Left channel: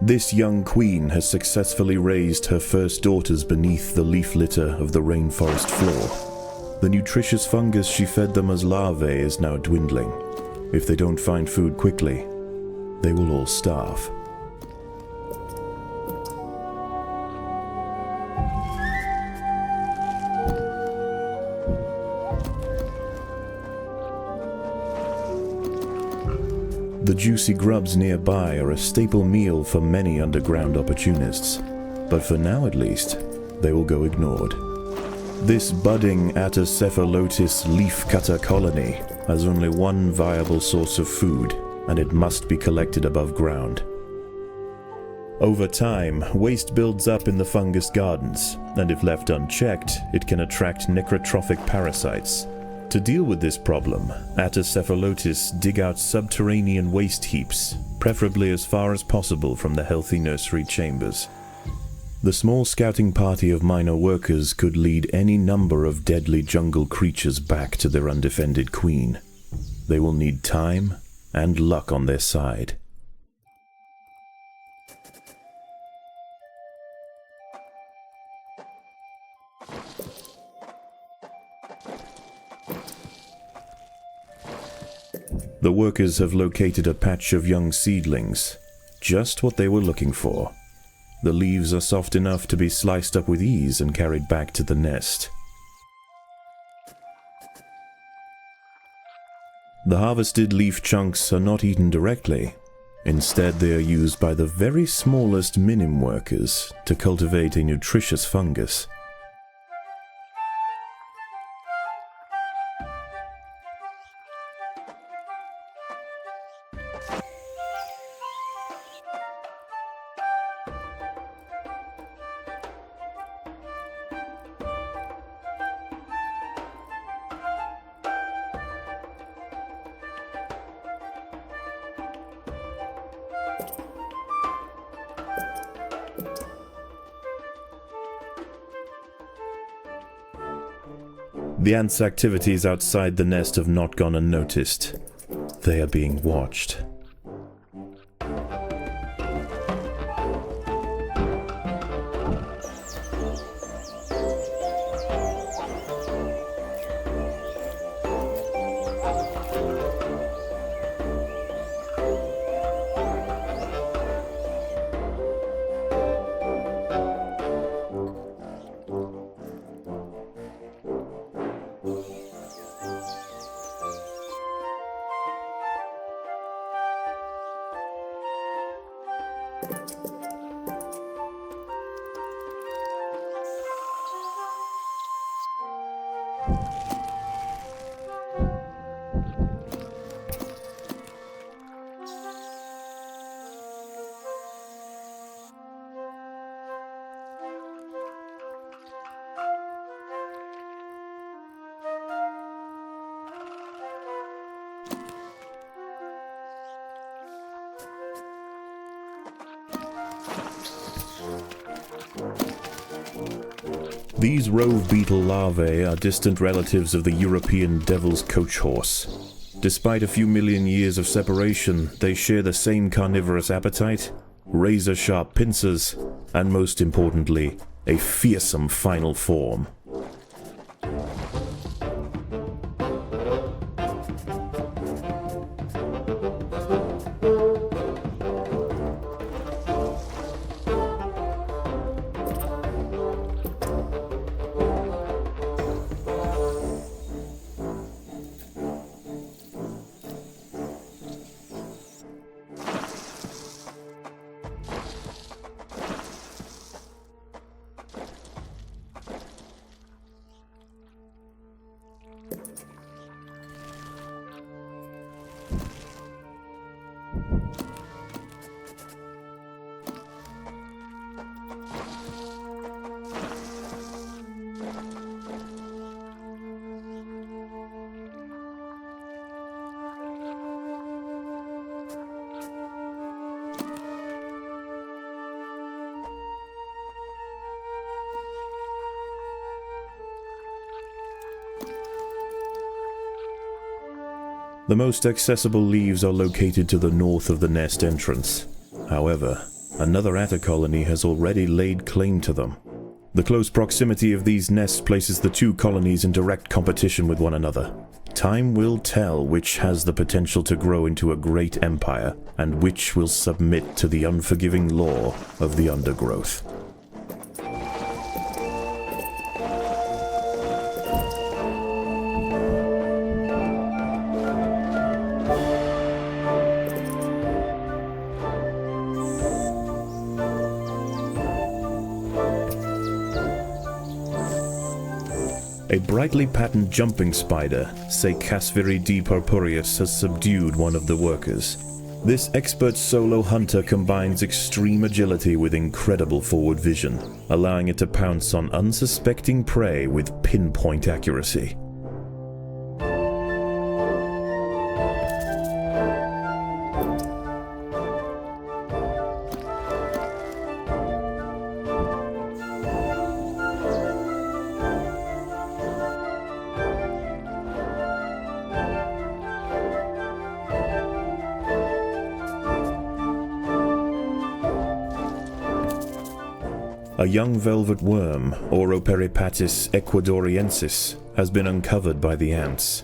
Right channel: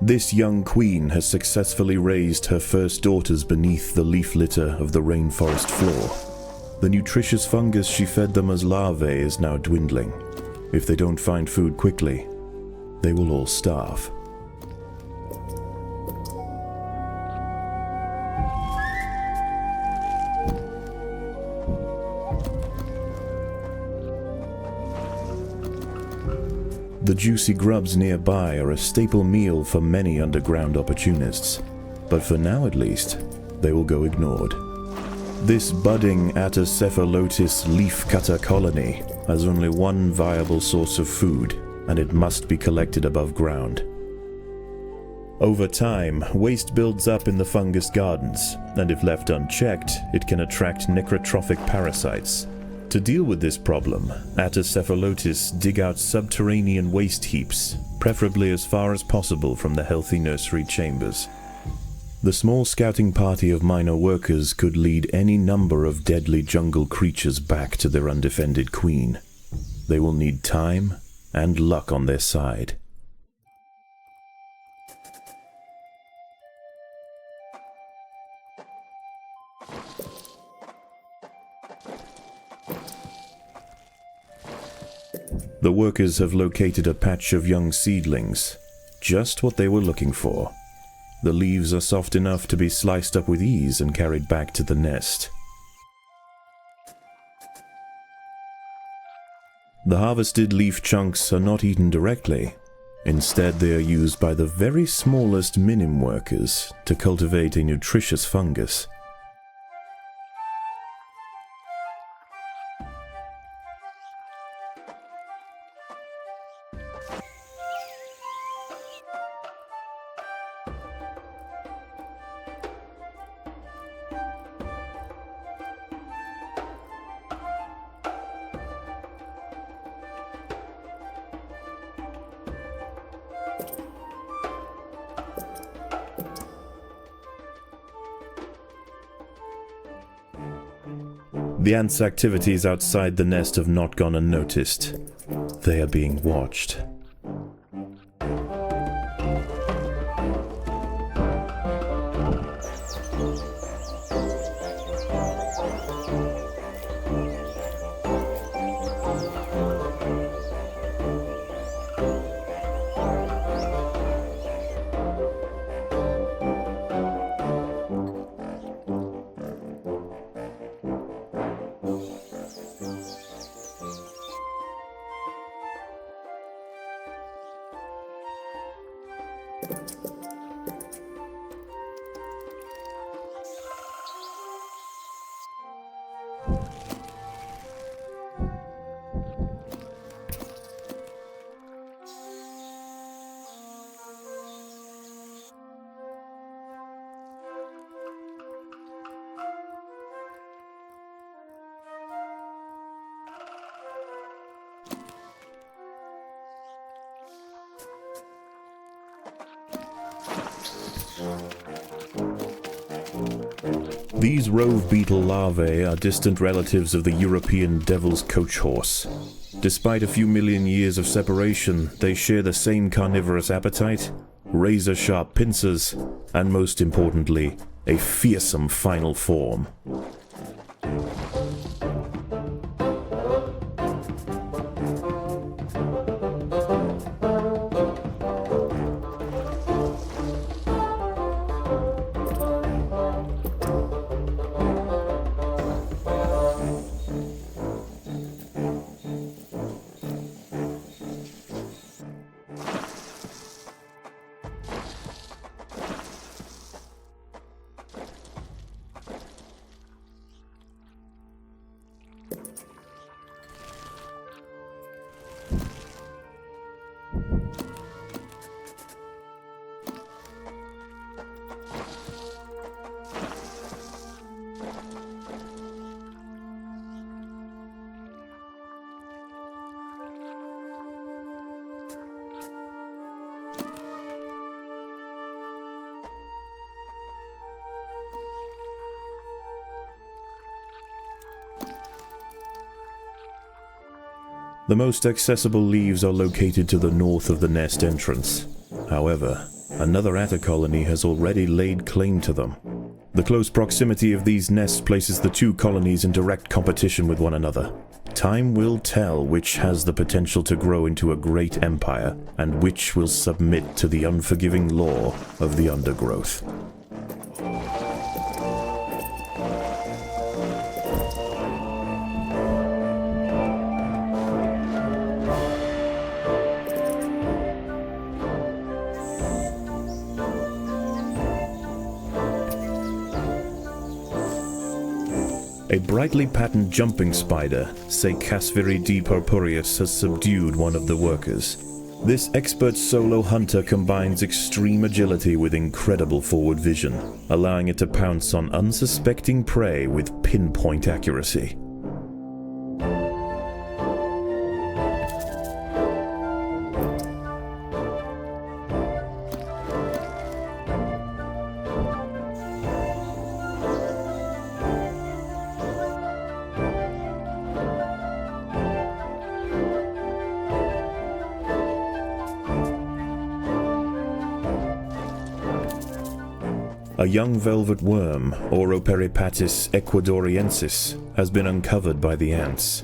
This young queen has successfully raised her first daughters beneath the leaf litter of the rainforest floor. The nutritious fungus she fed them as larvae is now dwindling. If they don't find food quickly, they will all starve. The juicy grubs nearby are a staple meal for many underground opportunists, but for now at least, they will go ignored. This budding Atacephalotis leafcutter colony has only one viable source of food, and it must be collected above ground. Over time, waste builds up in the fungus gardens, and if left unchecked, it can attract necrotrophic parasites. To deal with this problem, Atacephalotis dig out subterranean waste heaps, preferably as far as possible from the healthy nursery chambers. The small scouting party of minor workers could lead any number of deadly jungle creatures back to their undefended queen. They will need time and luck on their side. The workers have located a patch of young seedlings, just what they were looking for. The leaves are soft enough to be sliced up with ease and carried back to the nest. The harvested leaf chunks are not eaten directly. Instead, they are used by the very smallest minim workers to cultivate a nutritious fungus. The ants' activities outside the nest have not gone unnoticed. They are being watched. These rove beetle larvae are distant relatives of the European devil's coach horse. Despite a few million years of separation, they share the same carnivorous appetite, razor-sharp pincers, and most importantly, a fearsome final form. The most accessible leaves are located to the north of the nest entrance. However, another atta colony has already laid claim to them. The close proximity of these nests places the two colonies in direct competition with one another. Time will tell which has the potential to grow into a great empire, and which will submit to the unforgiving law of the Undergrowth. A brightly patterned jumping spider, Casviri D. purpureus, has subdued one of the workers. This expert solo hunter combines extreme agility with incredible forward vision, allowing it to pounce on unsuspecting prey with pinpoint accuracy. A young velvet worm, Oroperipatis ecuadoriensis, has been uncovered by the ants.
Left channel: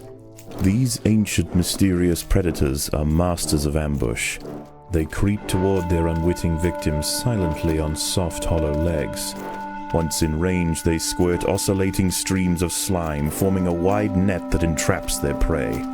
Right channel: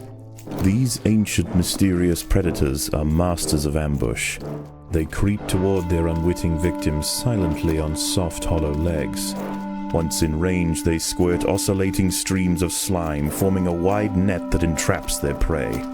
These ancient mysterious predators are masters of ambush. They creep toward their unwitting victims silently on soft, hollow legs. Once in range, they squirt oscillating streams of slime, forming a wide net that entraps their prey.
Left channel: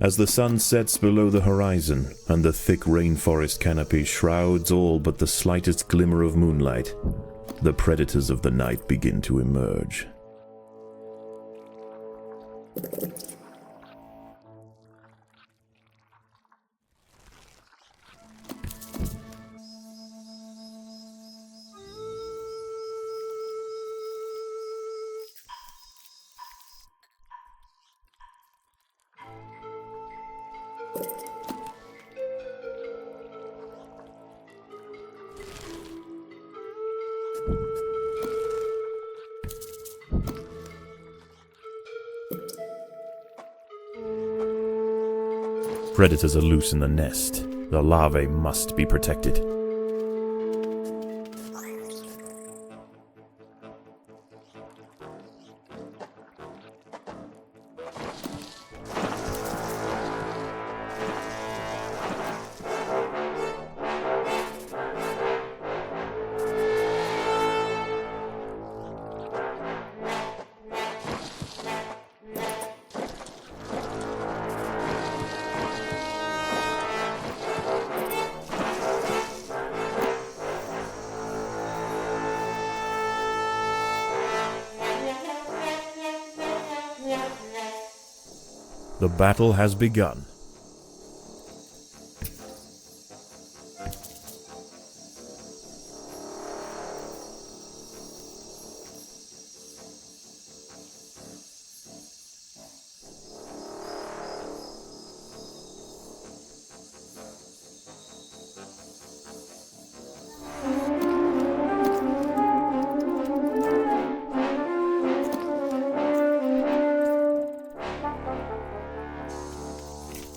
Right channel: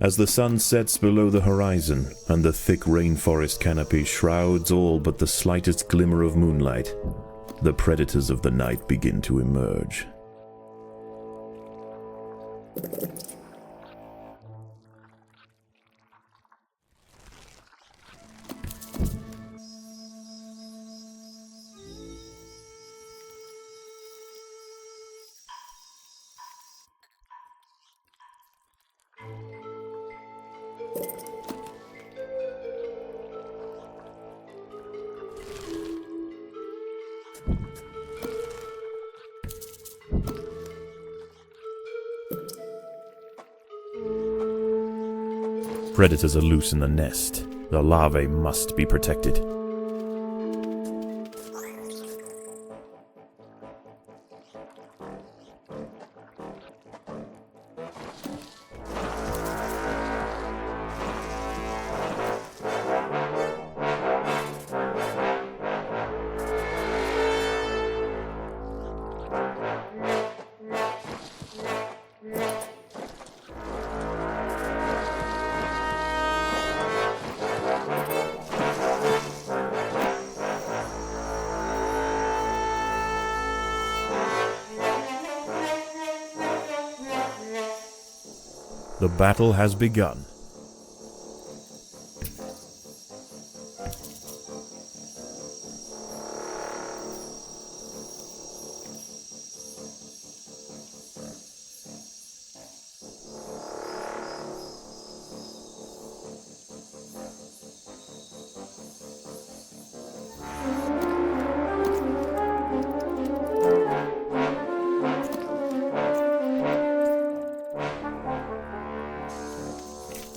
As the sun sets below the horizon, and the thick rainforest canopy shrouds all but the slightest glimmer of moonlight, the predators of the night begin to emerge. Predators are loose in the nest. The larvae must be protected. The battle has begun.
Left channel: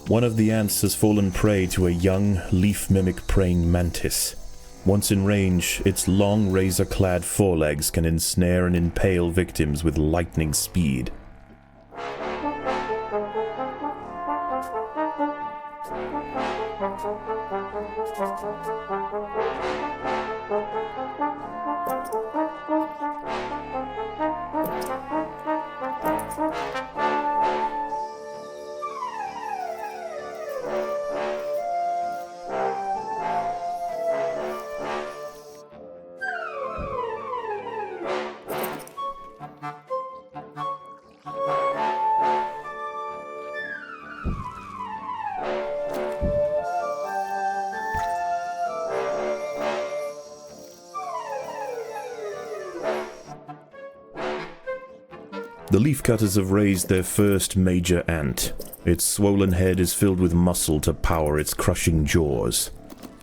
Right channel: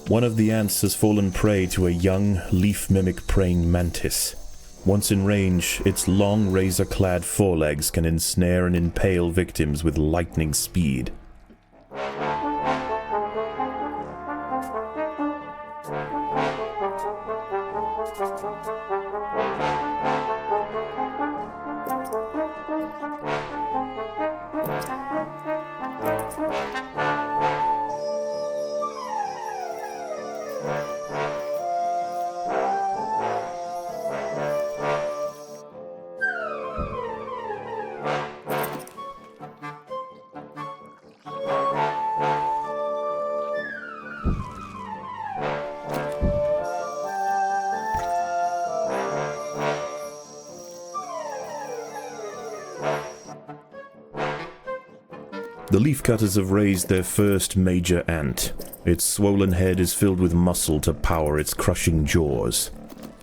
One of the ants has fallen prey to a young, leaf-mimic praying mantis. Once in range, its long, razor-clad forelegs can ensnare and impale victims with lightning speed. The leafcutters have raised their first major ant. Its swollen head is filled with muscle to power its crushing jaws.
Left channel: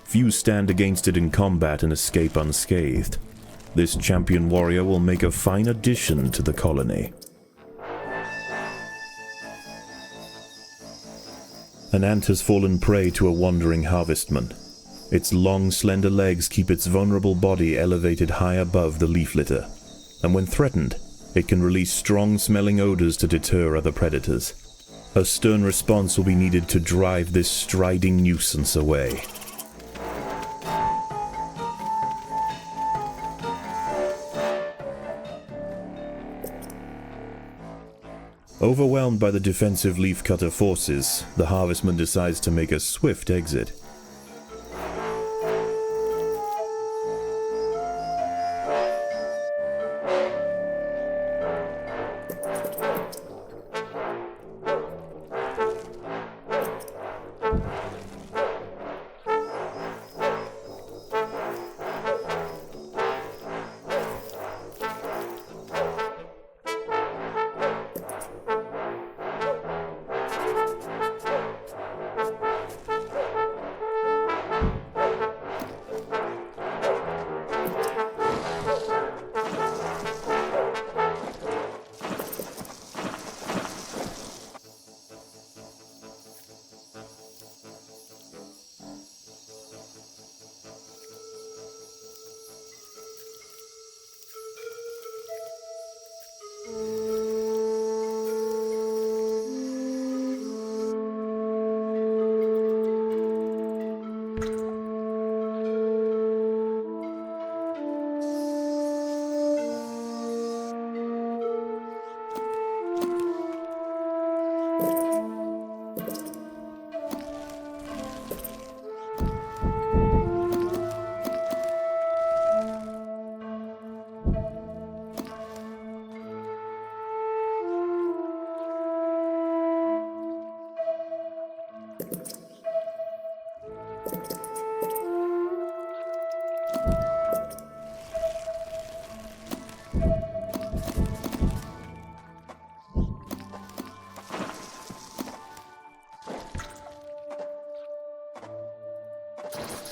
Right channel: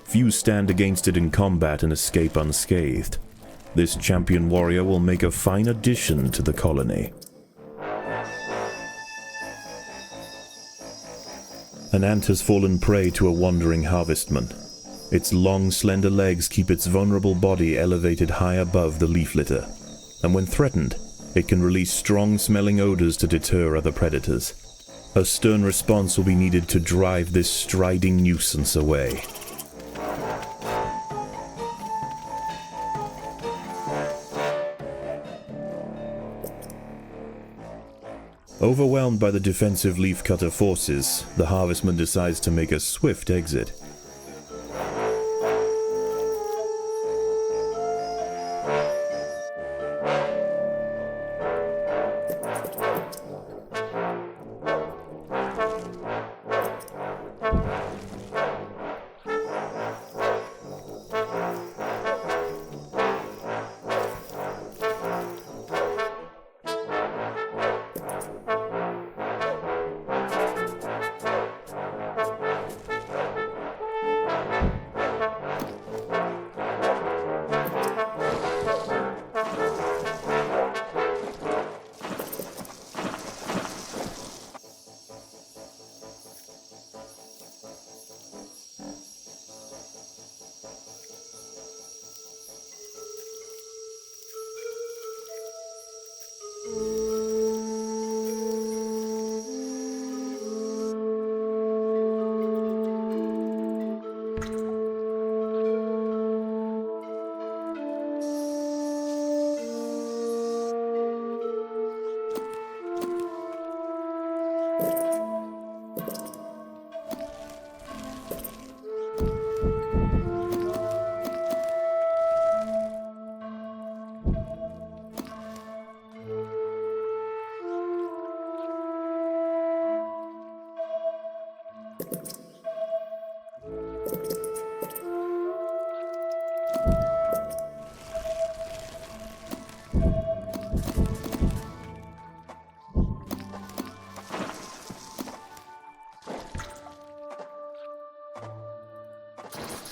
Few stand against it in combat and escape unscathed. This champion warrior will make a fine addition to the colony. An ant has fallen prey to a wandering harvestman. Its long, slender legs keep its vulnerable body elevated high above the leaf litter, and when threatened, it can release strong-smelling odors to deter other predators. A stern response will be needed to drive this striding nuisance away. Overwhelmed by the defensive leafcutter forces, the harvestman decides to make a swift exit.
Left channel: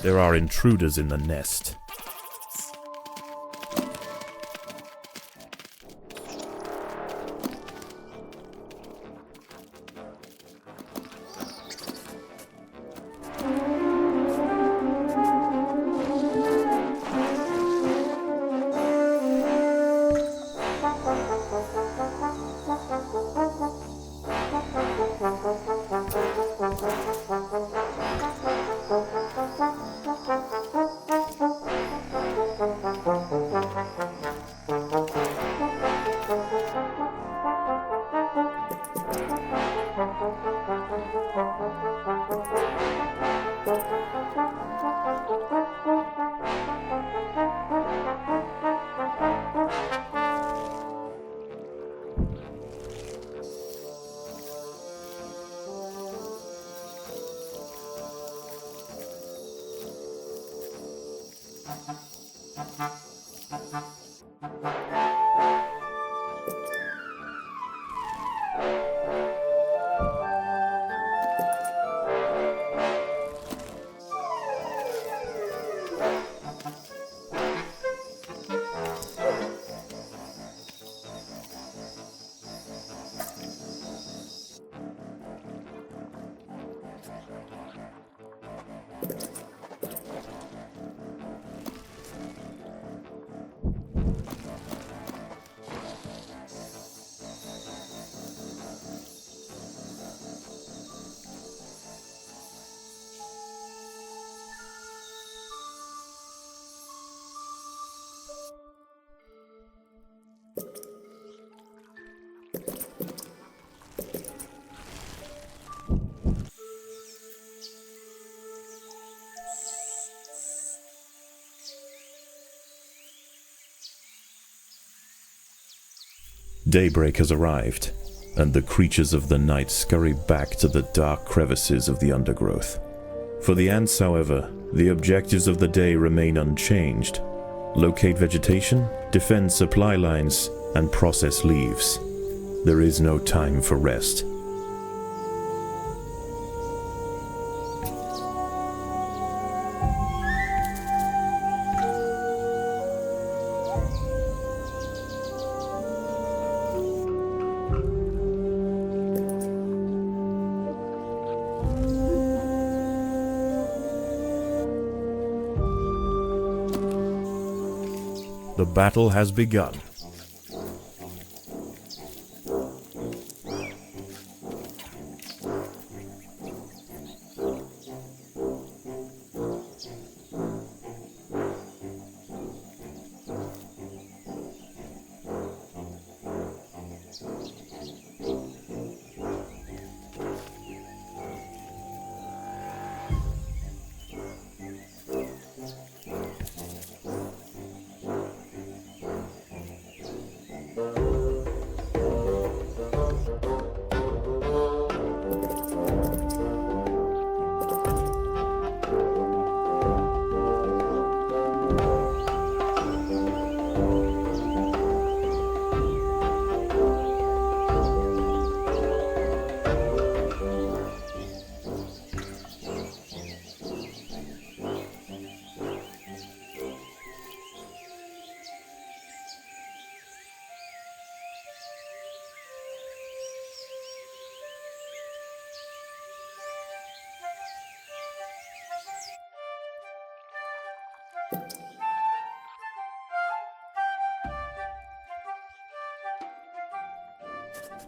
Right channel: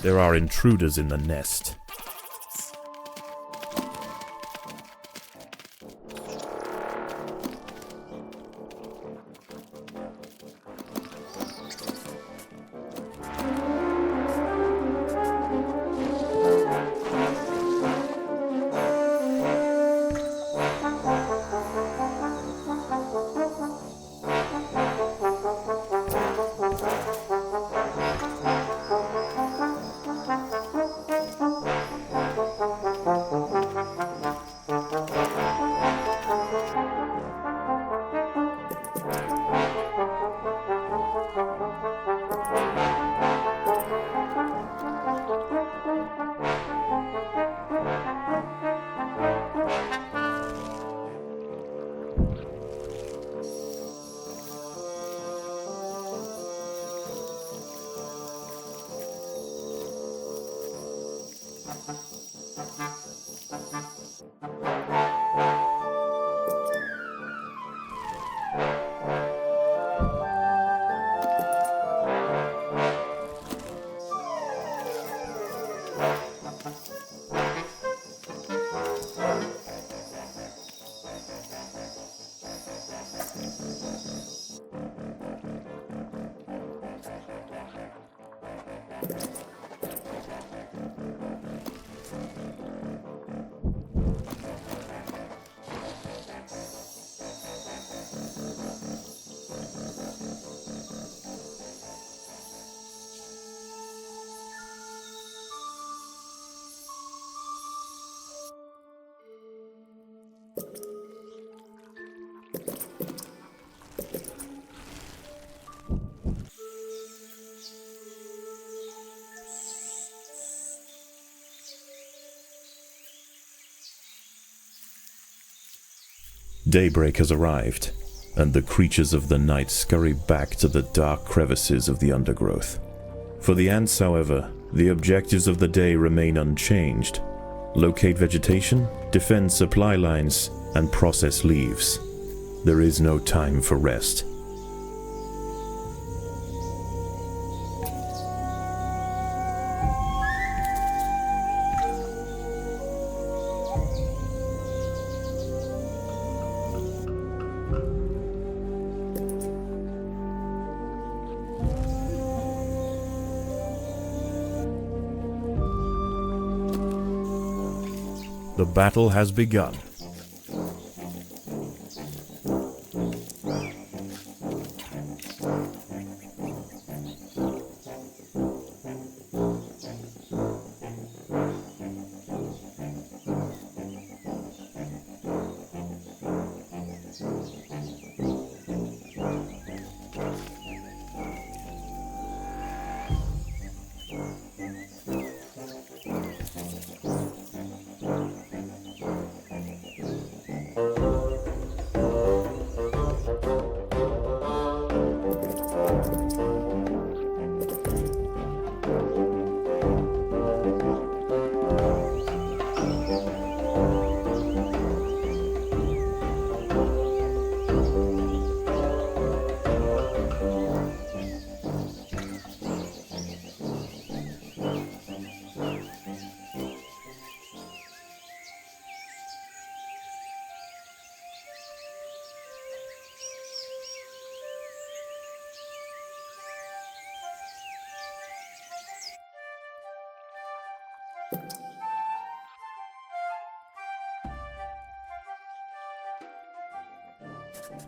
There are intruders in the nest. Daybreak has arrived, and the creatures of the night scurry back to the dark crevices of the undergrowth. For the ants, however, the objectives of the day remain unchanged. Locate vegetation, defend supply lines, and process leaves. There is no time for rest. The battle has begun.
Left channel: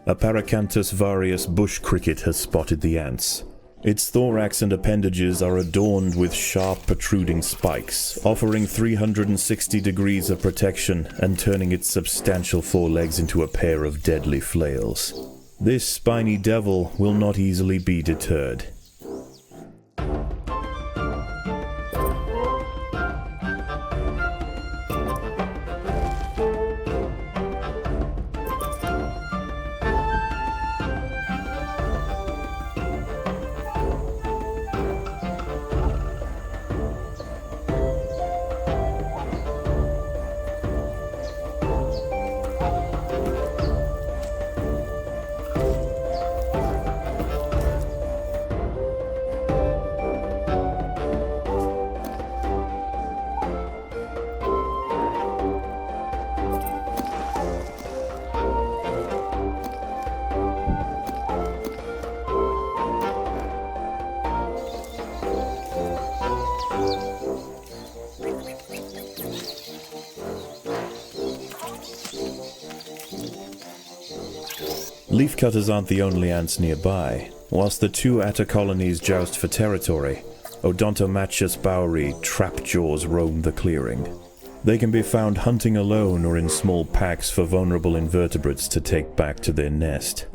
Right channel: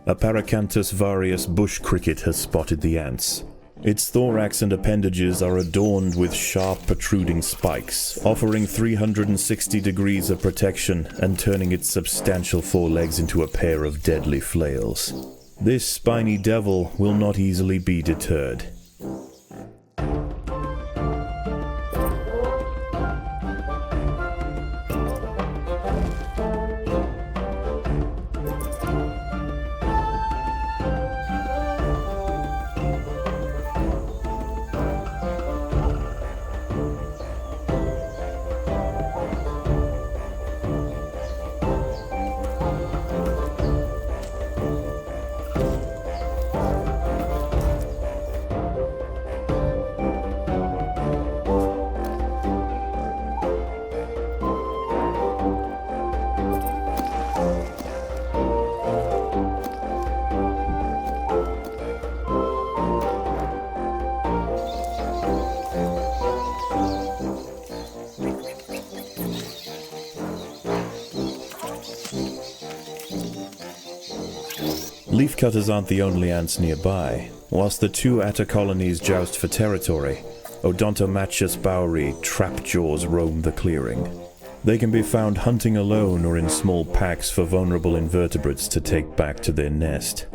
A Paracanthus varius bush cricket has spotted the ants. Its thorax and appendages are adorned with sharp protruding spikes, offering 360 degrees of protection and turning its substantial forelegs into a pair of deadly flails. This spiny devil will not easily be deterred. Leafcutters aren't the only ants nearby. Whilst the two atta colonies joust for territory, Odontomachus bowery trapjaws roam the clearing. They can be found hunting alone or in small packs for vulnerable invertebrates to take back to their nest.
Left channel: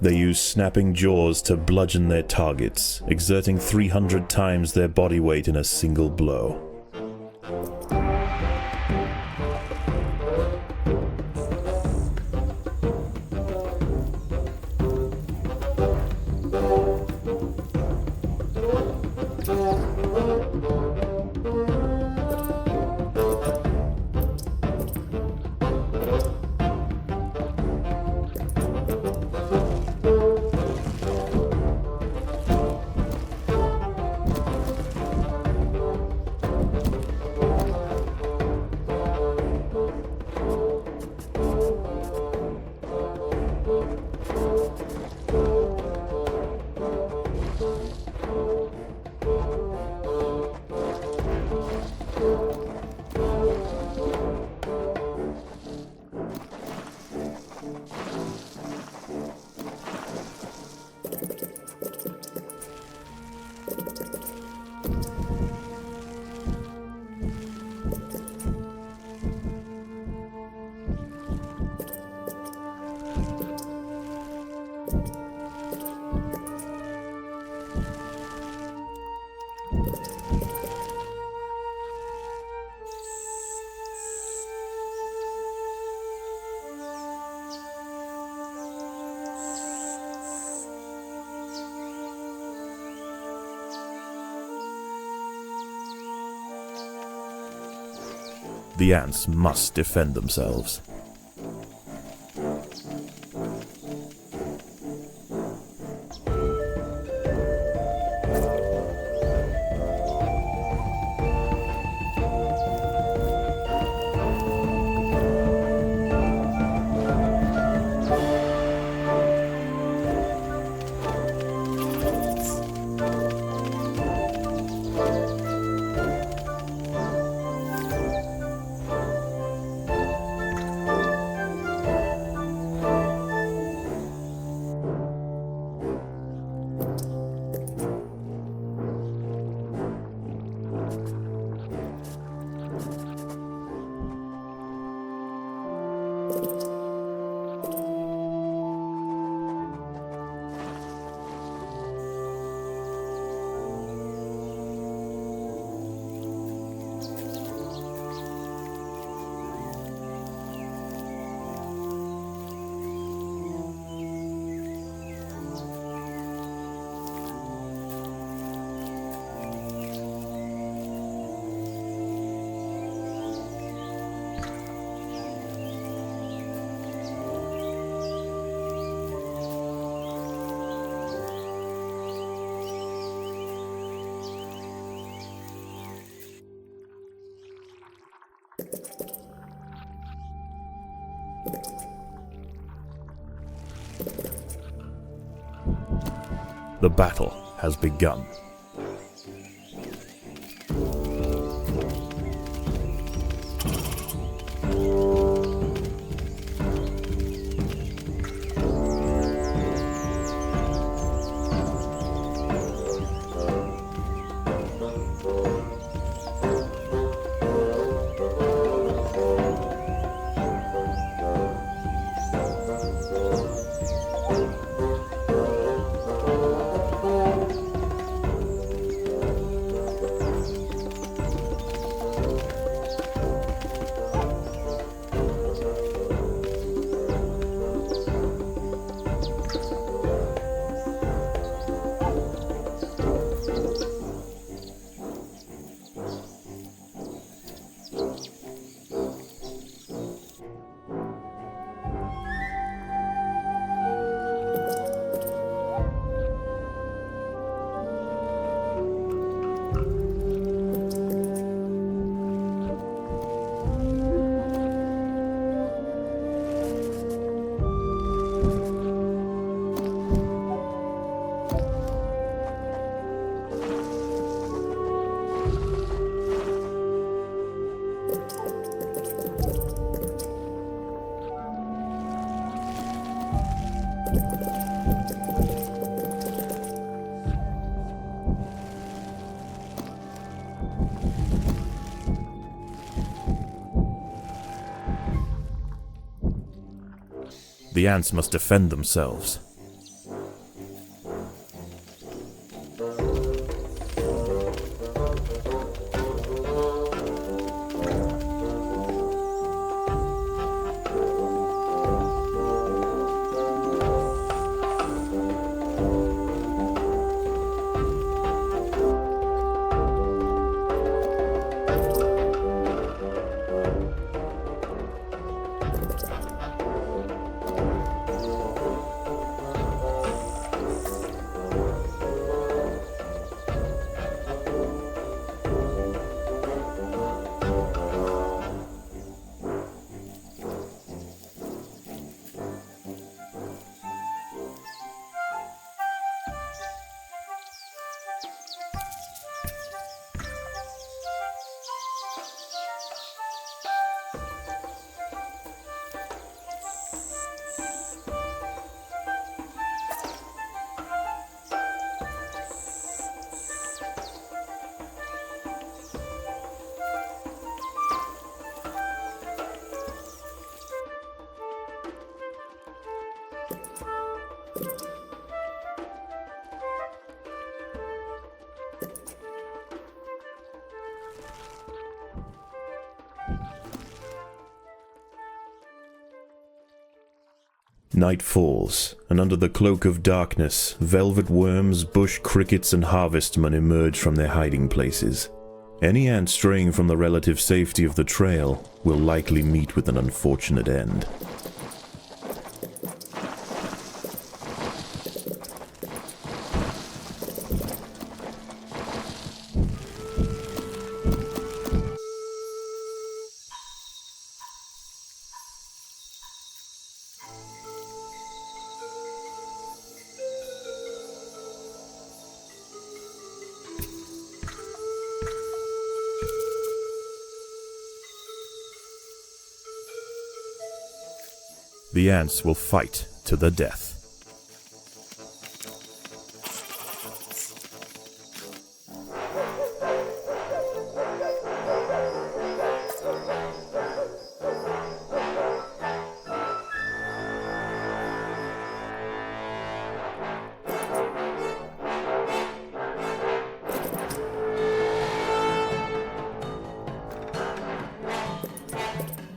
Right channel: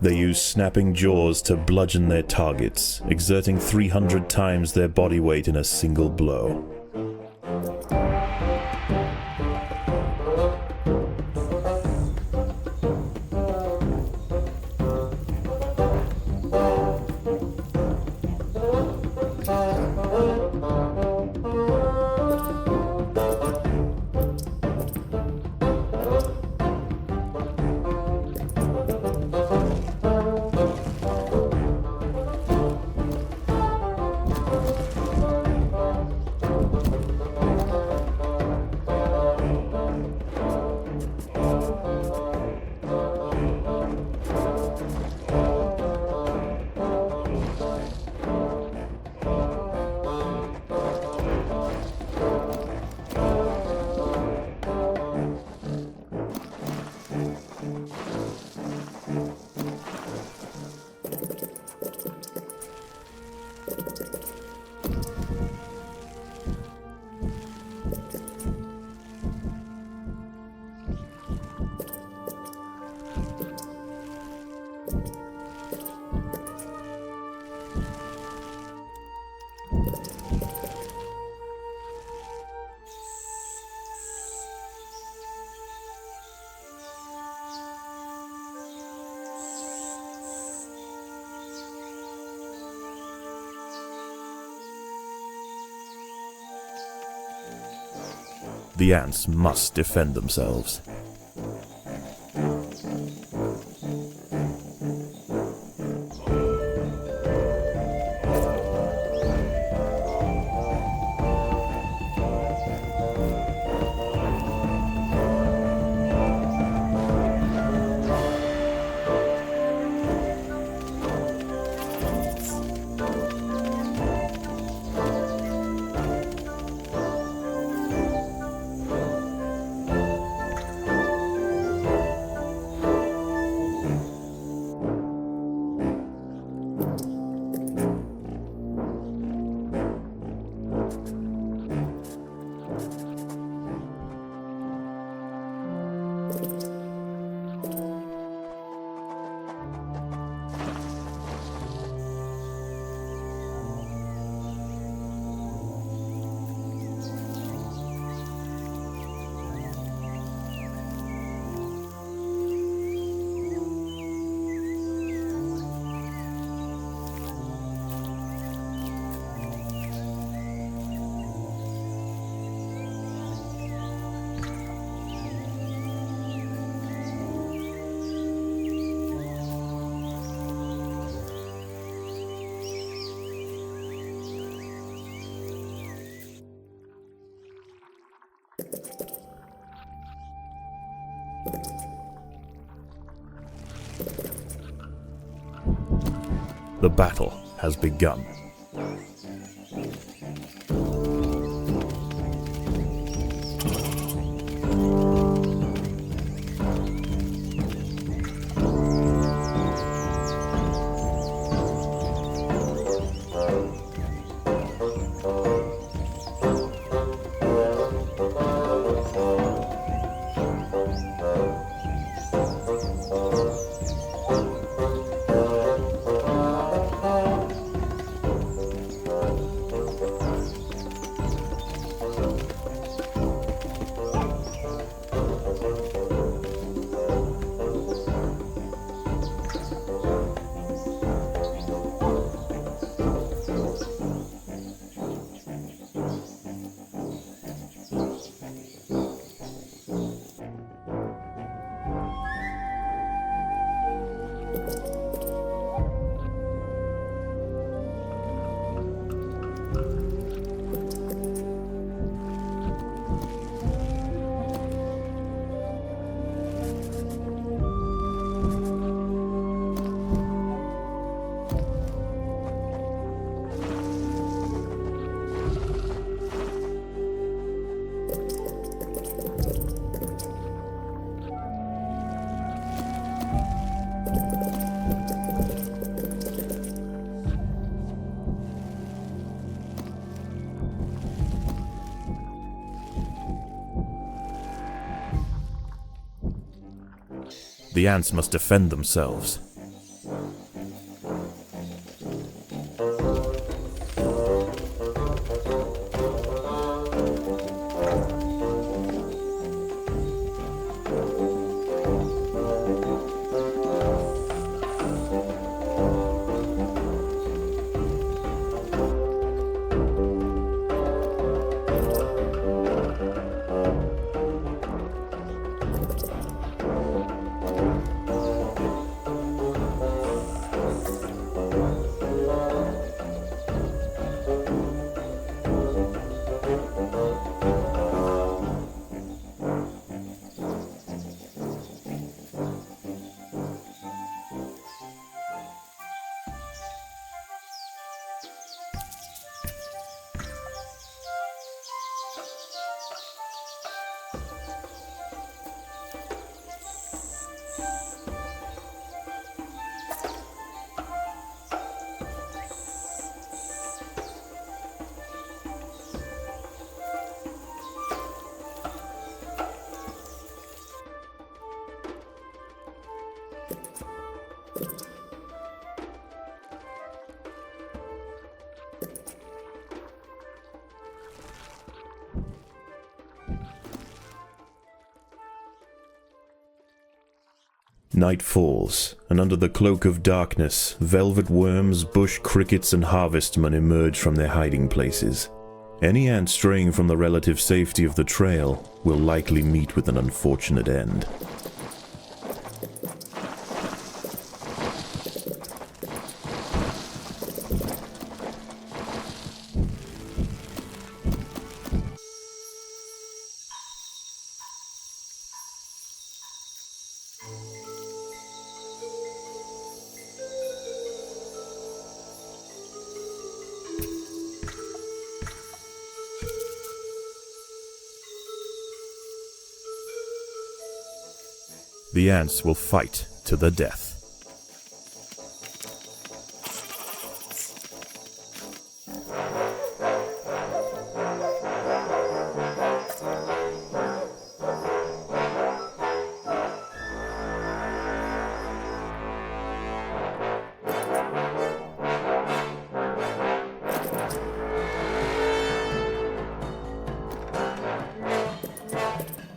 They use snapping jaws to bludgeon their targets, exerting 300 times their body weight in a single blow. The ants must defend themselves. The battle has begun. The ants must defend themselves. Night falls, and under the cloak of darkness, velvet worms, bush crickets, and harvestmen emerge from their hiding places. Any ant straying from the relative safety of the trail will likely meet with an unfortunate end. The ants will fight to the death.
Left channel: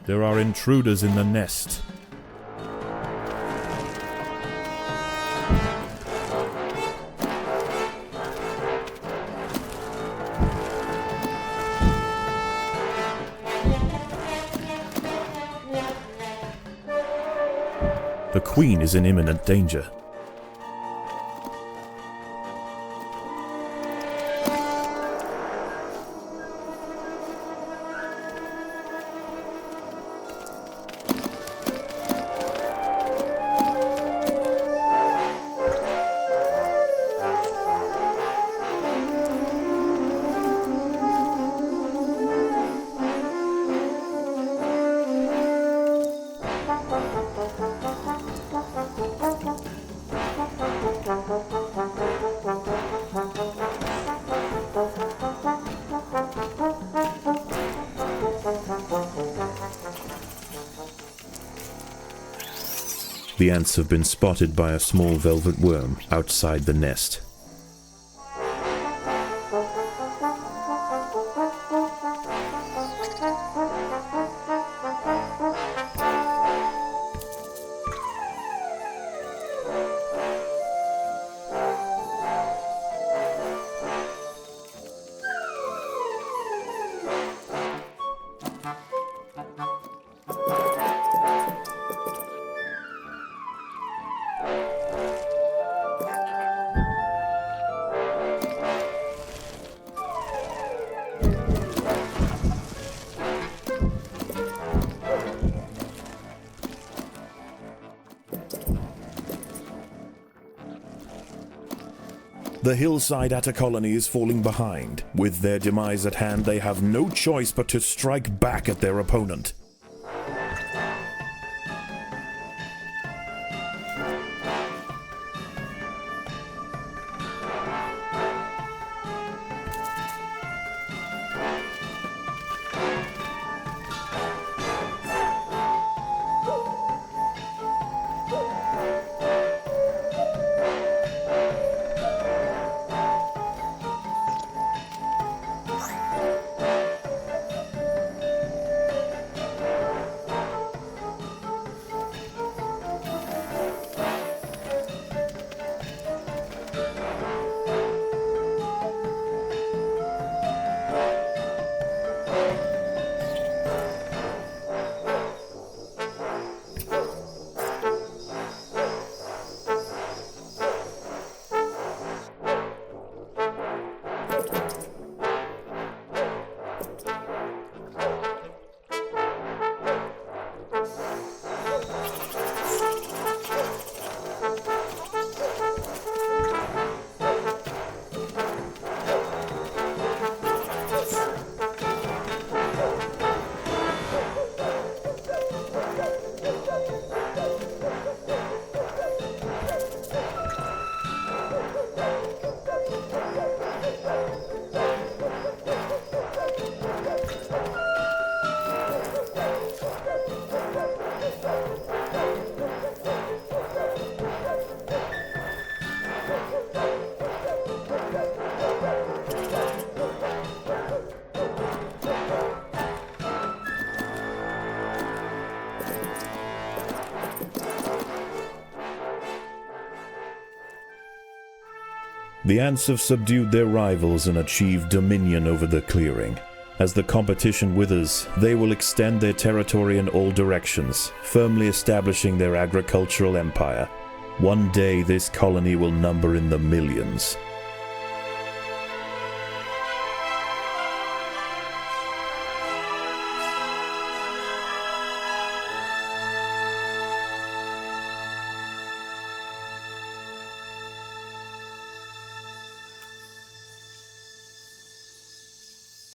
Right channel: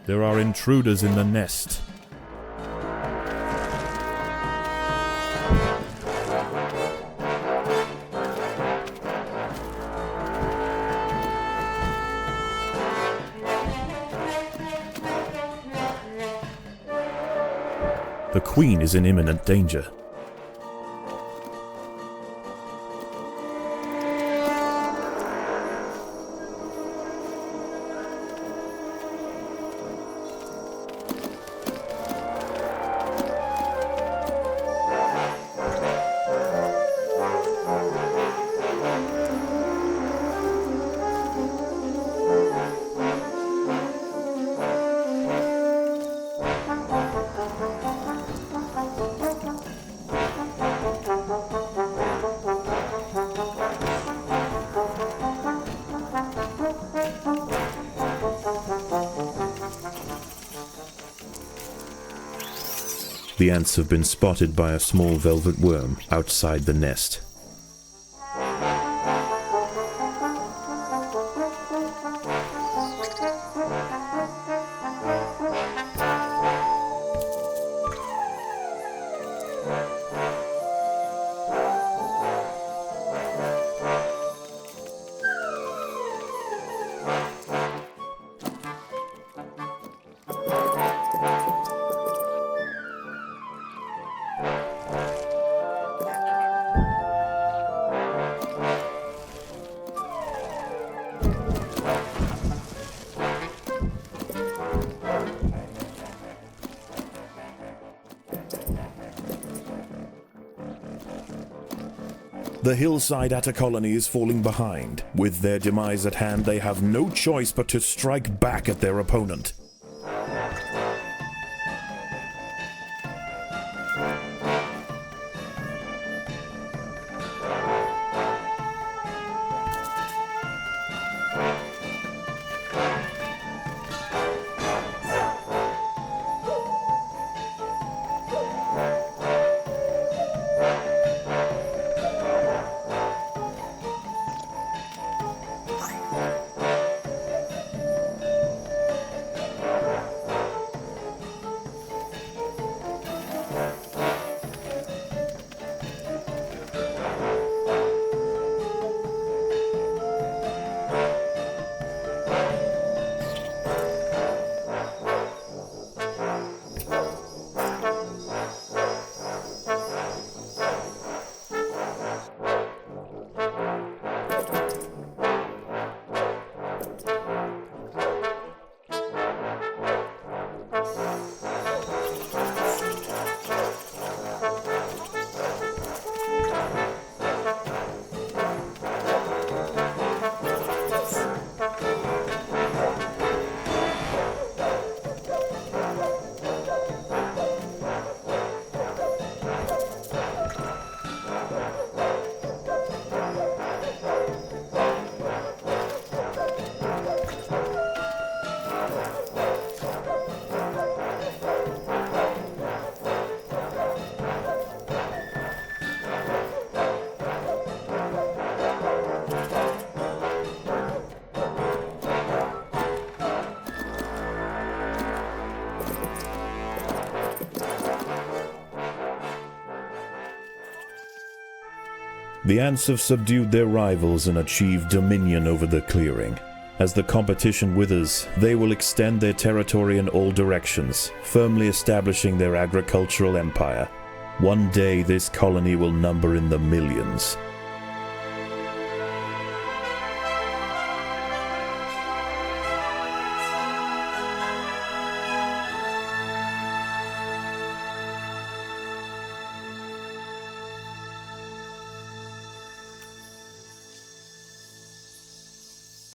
There are intruders in the nest. The queen is in imminent danger. The ants have been spotted by a small velvet worm outside the nest. The hillside atta colony is falling behind. With their demise at hand, they have no choice but to strike back at their opponent. The ants have subdued their rivals and achieved dominion over the clearing. As the competition withers, they will extend their territory in all directions, firmly establishing their agricultural empire. One day this colony will number in the millions.